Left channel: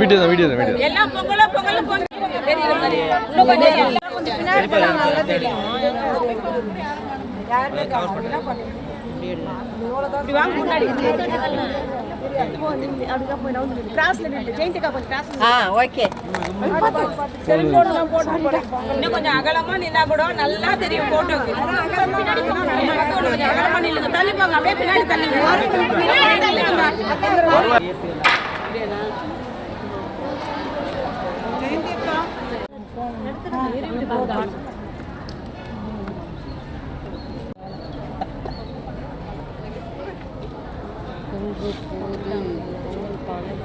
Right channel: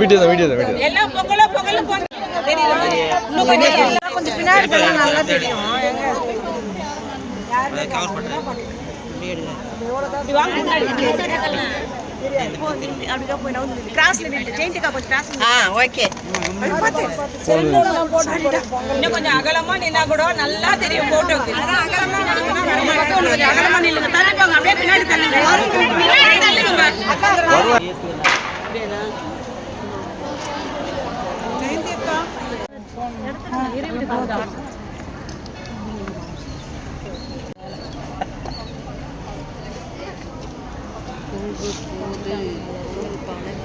Video தான் video தான் video. எல்லாம் பொங்கலோ பொங்கலோ பொங்கல் தெரியுது. இன்னும் கொஞ்சம் பின்னாடி போனா நல்லா தெரியும். யாருமே கவர் பண்ணல. இப்படி வாங்க முன்னாடி. அப்படியே போய் நான் கிராஸ்ல நின்னு ஜெயந்திகா கொஞ்சம் கிராஸ். ஓகே. பாத்து. செல்ஃபோன்ல போட்டு இன்னும் கொஞ்சம் அகலமா நின்னா கூட நல்லா தெரியும் போட்டோக்கு. அகலமா நில்லுங்க. தள்ளி போங்க. அப்படியே பின்னாடி தள்ளுங்க. பின்னாடி தள்ளுங்க. ஜெயந்திகா எடுத்துங்க. இருவிடு போகுதா?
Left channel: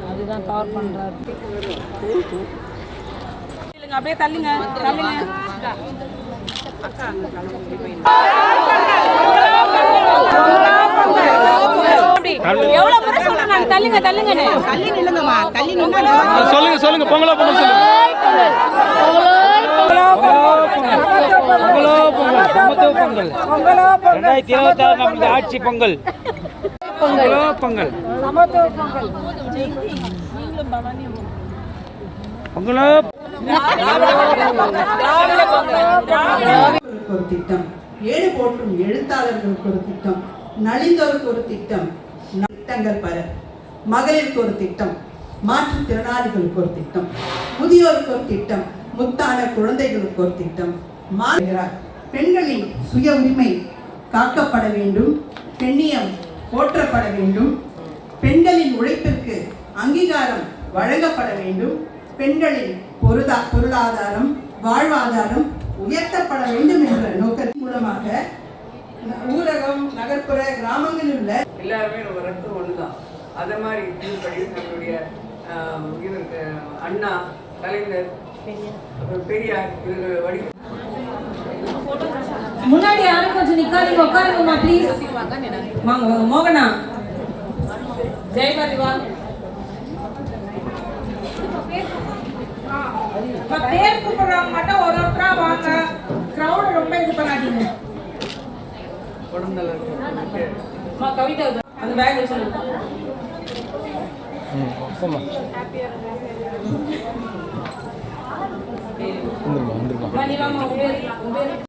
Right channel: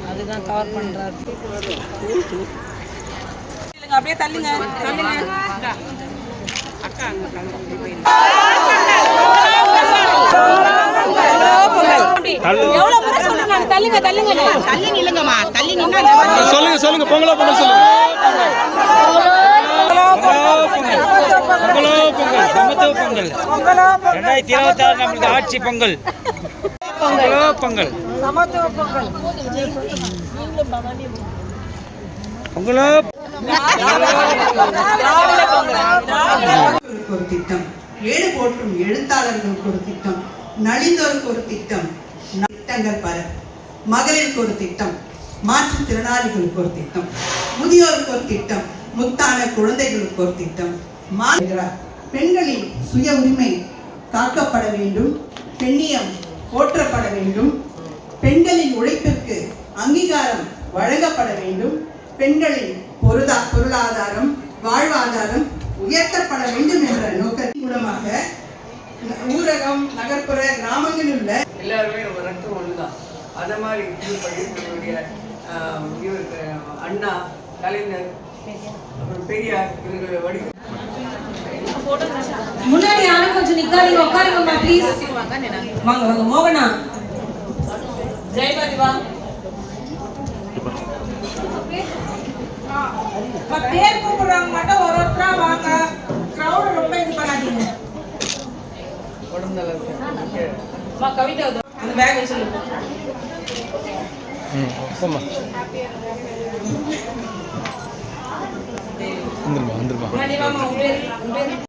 அதுதான் கவர் பண்றாரு. அப்படியே தள்ளுங்க தள்ளுங்க. அக்கா எவ்வளவு முறை சொல்லுங்க தள்ளுங்க தள்ளுங்க தள்ளி நில்லுங்கம்மா தள்ளி நின்னா சொல்லுங்க சொல்லுங்க பொங்கலோ பொங்கல் சொல்லுங்க. பொங்கலோ பொங்கல் சமத்துவ பொங்கல் 2026 நமது ஆட்சி பொங்கல். பொங்கலோ பொங்கல் சமத்துவ பொங்கல். பொங்கலோ ஒரு திட்டம், ஏடு போற்றும் எழுத்தாளர்களுக்கு ஒரு திட்டம், நலிந்தோருக்கு ஒரு திட்டம், திட்டங்கள் பல. மகளிருக்கு ஒரு திட்டம், மாற்றுத்திறனாளிகளுக்கு ஒரு திட்டம், முதியோருக்கு ஒரு திட்டம், முத்தான குழந்தைகளுக்கு ஒரு திட்டம். பெண்களின் சுய உரிமை காக்கப்பட வேண்டும், பெண்ணியம் போற்றப்பட வேண்டும், பெண்களின் உழைப்பிற்கு அங்கீகாரம் வழங்கப்பட வேண்டும், பெண்களின் பொருளாதாரம் வாழ்வாதாரம் உயர்த்தப்பட வேண்டும் என்ற நோக்கத்தின் மூலமாக ஊரகம் நகர்ப்புற கிராமங்களில் உள்ள எல்லாருமே ஒரு ரத்தம் ஒண்ணுதான். அத மாதிரி நம்மளுடைய இவருக்கு அண்ணா, கலைஞர், அப்புறம் பெரியார் இவர்கள் வடி முன்னாடி யாரும் கொஞ்சம் நிக்காதீங்க, உட்காருங்கம்மா ப்ளீஸ். வாங்க வாங்க மோகனா, ஜெயபாதி வாங்க. பேர் கூப்பிடுறாங்க மட்டும் ஒரு ஒருத்தரா வாங்க. கிரவுட் ரொம்ப இது பண்ணாதீங்க. அம்மா கவிதா அந்த பேக் சொல்லுங்க. போமா வந்துருமா வந்துருமா. நீ வாமா உங்க பேர்